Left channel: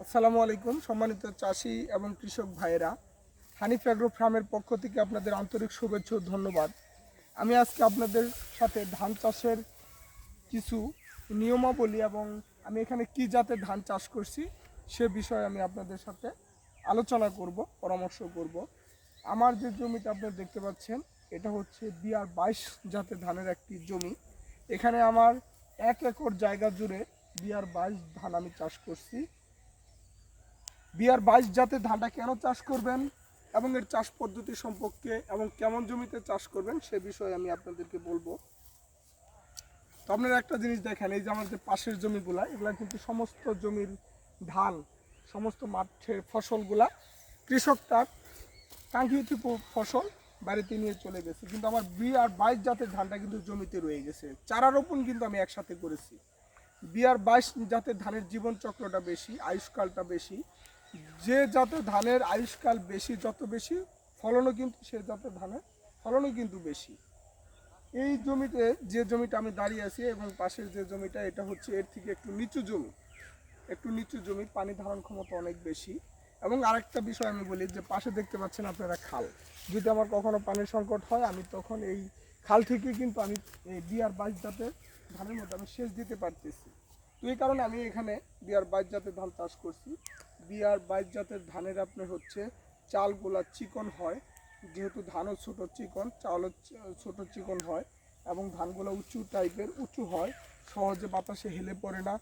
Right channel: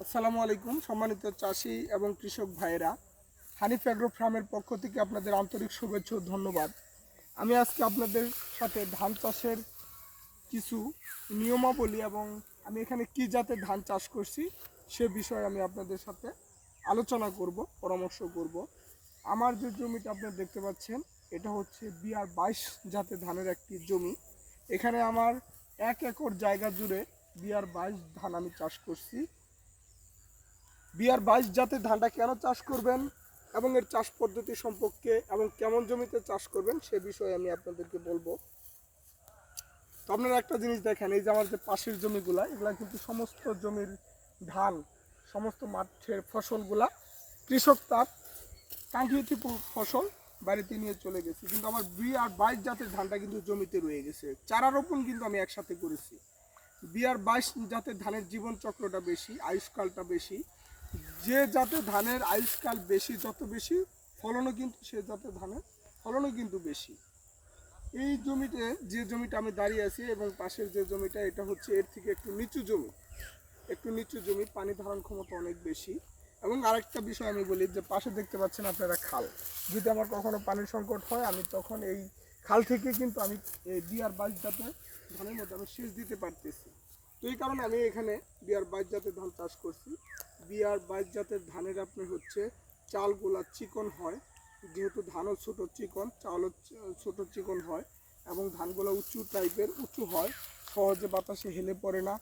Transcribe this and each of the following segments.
আসসালামু আলাইকুম সম্মানিত চাষি এবং কৃষক ভাইয়েরা, হানিফ অ্যাগ্রো ফার্মের পক্ষ থেকে আপনাদের আন্তরিক শুভেচ্ছা ও ধন্যবাদ। আমি আজকে আপনাদের সাথে ধান চাষের কিছু নিয়মাবলী এবং আমি এখানে কি জাতের ধান চাষ করছি সে বিষয়ে আমি আপনাদের সাথে আলোচনা করব, পরামর্শ করব। আমার যে জমিটা আপনারা দেখতে পাচ্ছেন এটা হচ্ছে BR22 জাতের ধানের একটি জমি। এখানে আমার 1 একর জায়গা জুড়ে BR22 ধান আমি চাষ করছি। BR22 জাতের ধানটা কেন চাষ করবেন এবং এর চাষ পদ্ধতি সম্পর্কে এবং কেমন জমিতে চাষ করবেন সে বিষয়ে আমি আপনাদেরকে বলবো। তো আপনারা একটা জিনিস দেখেন, এই যে আমার যে পাশের জমিগুলা, এগুলা কিন্তু সমস্ত জমির ধান, সমস্ত মাঠের ফসলগুলা কৃষক তার কাঙ্ক্ষিত ফসল বাড়িতে নিয়ে চলে গেছে, কিন্তু আমার BR22 জাতের ধানটা কিন্তু জমিতে রয়ে গেছে। চারা রোপণ কিন্তু আমি একসাথে করেছি। BR22 জাতের ধানের জীবন চক্রটা বেশি, আয়ুষ্কালটা বেশি। যে জাতের ধানের আয়ুষ্কাল বেশি, যত বেশি ফলনও কিন্তু সে জাতের ধানের ফলনও কিন্তু বেশি। এই জমিতে, যে জমিটা আমি দাঁড়িয়ে আছি এবং পাশের যে জমিটা, এটা হচ্ছে এর থেকে একটু নিচু জমি, পানি ধারণ ক্ষমতা অনেক বেশি। এবং আরেকটা বিষয় আমি বলি, যে পাশে দেখতে পাচ্ছেন আপনারা খাল, যদি আমার কখনো পানির সংকট হয় আমি তখন এই খাল থেকে কিন্তু আমি এই BR22 জাতের ধানের মধ্যে আমি সেচ দিতে পারতেছি। তো এই কারণে আমি এখানে BR22 জাতের ধান চাষ করছি। BR22 জাতের ধানের আপনার হচ্ছে চালগুলা চিকন হয়, যেহেতু ধানও ছোটো চিকন, চালও ছোটো চিকন হয় এবং ধানগুলো উঁচু টাইপের, উঁচু হয়, সহজে বাতাসে হেলে পড়ে না।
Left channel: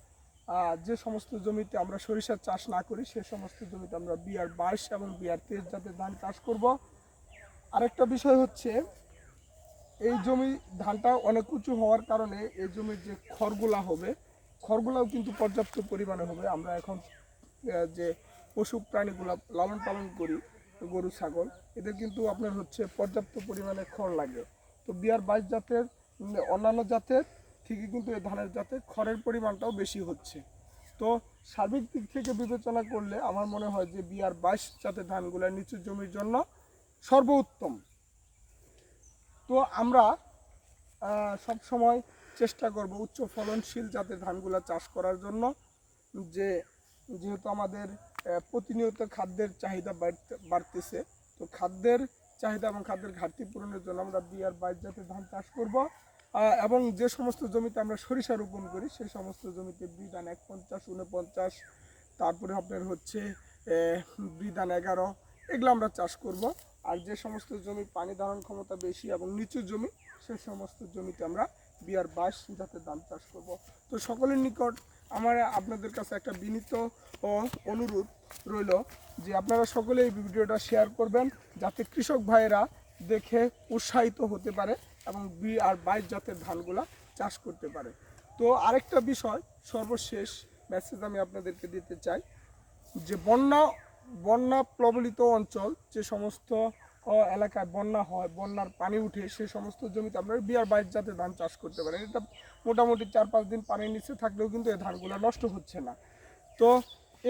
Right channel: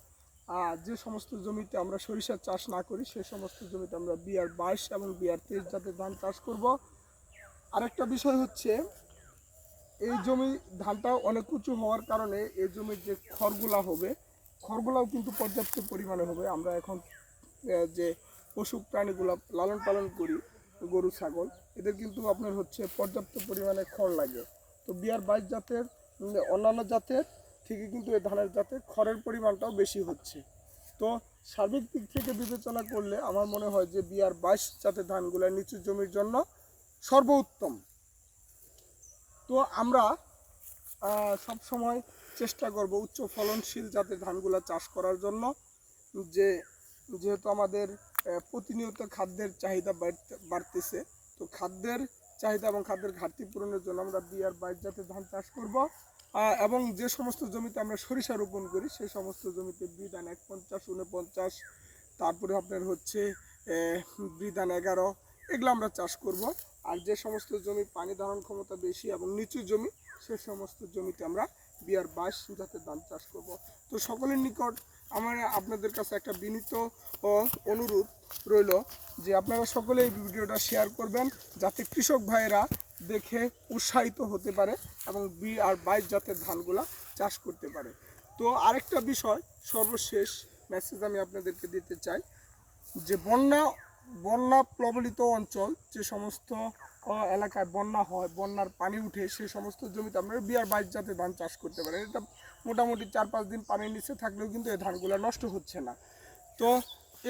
যে সমস্ত জমিতে আমরা সরিষার চাষ না করি সে সমস্ত জমিতে আমরা BR22 এবং BR23 জাতের ধান চাষ করব। আরেকটা বিষয় হচ্ছে, এই জমি ধানটা অনেক উঁচু হওয়ার কারণে এই জমির যে খড়গুলা হবে, খড়গুলাও কিন্তু পর্যাপ্ত পরিমাণে হবে। আমরা এখন যে পশু প্রাণীগুলা লালন পালন করি, গরু ছাগল, এদের কিন্তু আপনার হচ্ছে পর্যাপ্ত পরিমাণে খড় লাগে। তো BR22 জাতের অন্যান্য জাতের থেকে কিন্তু এই ধানের জাতের খড়ের পরিমাণটাও বেশি হচ্ছে। তো সার্বিক দিক থেকে বিবেচনা করলে আমার মনে হয় যে BR22 জাতের ধানগুলা নিচু জমির জন্য সর্বোত্তম। তো আমরা সব সময় চেষ্টা করব উচ্চ ফলনশীল জাতের ধানগুলা চাষ করার জন্য। যেহেতু আমাদের প্রতিনিয়ত খাদ্যের চাহিদা বাড়তেছে, তো খাদ্যের চাহিদা এবং খাদ্যের ঘাটতি পূরণের জন্য আমরা BR22 জাতের ধান চাষ করব। এবং যে সমস্ত জমিতে আমরা সরিষা রোপণ করি সেই সমস্ত জমিতে বিধান 51, 49, তারপরে আপনার হচ্ছে বিধান 11, এগুলো আমরা চাষ করব। আর যে সমস্ত জমি পানি ধারণ ক্ষমতা বেশি এবং নিচু জমি, সেই সমস্ত জমিতে আমরা BR22 জাতের ধান চাষ করব। তো সকলের নিকট আমার আপনাদের কাছে একটা বিনীত ও অনুরোধ রইল যে আপনারা সকলে এই ভিডিওটা শেয়ার করবেন, যাতে কৃষক ভাইয়েরা দেখে উৎসাহিত হতে পারে এবং BR22 জাতের ধানগুলা চাষ করতে পারে। তো আরেকটা বিষয়, সর্বশেষ মেসেজ আমি আপনাদেরকে দিতে চাই, যে বন্যা প্লাবিত অঞ্চল, যে সমস্ত এলাকায় বন্যা হয়, বন্যার পানি উঠে, সেই সমস্ত জমিতে আমরা BR22 জাতের ধান চাষ করতে পারি। এটা মোটামুটি 4-5 দিন পানির নিচে থাকলেও কিন্তু এই ধানগুলো নষ্ট হচ্ছে না। তো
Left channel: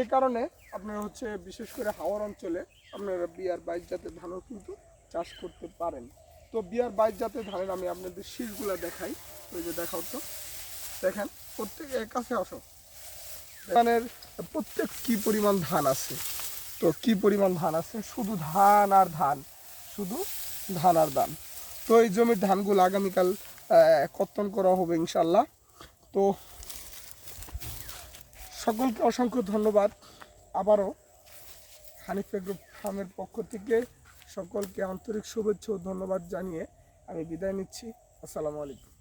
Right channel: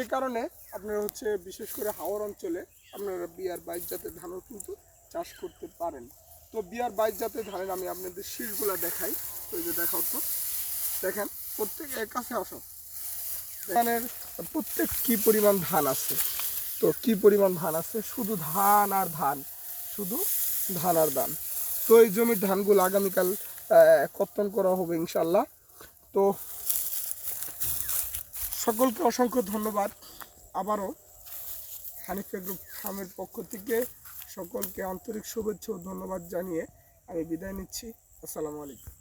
এই কারণে আপনারা হচ্ছে বিশেষ করে হাওর অঞ্চলে আপনারা BR22 জাতের ধানও কিন্তু চাষ করতে পারেন। তো BR22 জাতের ধানের আমি আপনাদের শীষগুলো দেখাই। তো এই যে দেখাও, তো দেখেন, প্রত্যেক কাছে আসো, ধানের প্রত্যেক কি পরিমাণ ধান আছে। তো কি পরিমাণ ধান আছে, শুধু ধান আর ধান, শুধু ধান আর ধান। তো এই জমির ধানগুলো আগামীকাল কর্তন করা হবে ইনশাল্লাহ। তো সকলকে অসংখ্য ধন্যবাদ। আবারও হানিফ অ্যাগ্রো ফার্মের পক্ষ থেকে সকলকে আন্তরিক শুভেচ্ছা ও ধন্যবাদ জানিয়ে আমি বিদায় নিচ্ছি। আসসালামু আলাইকুম।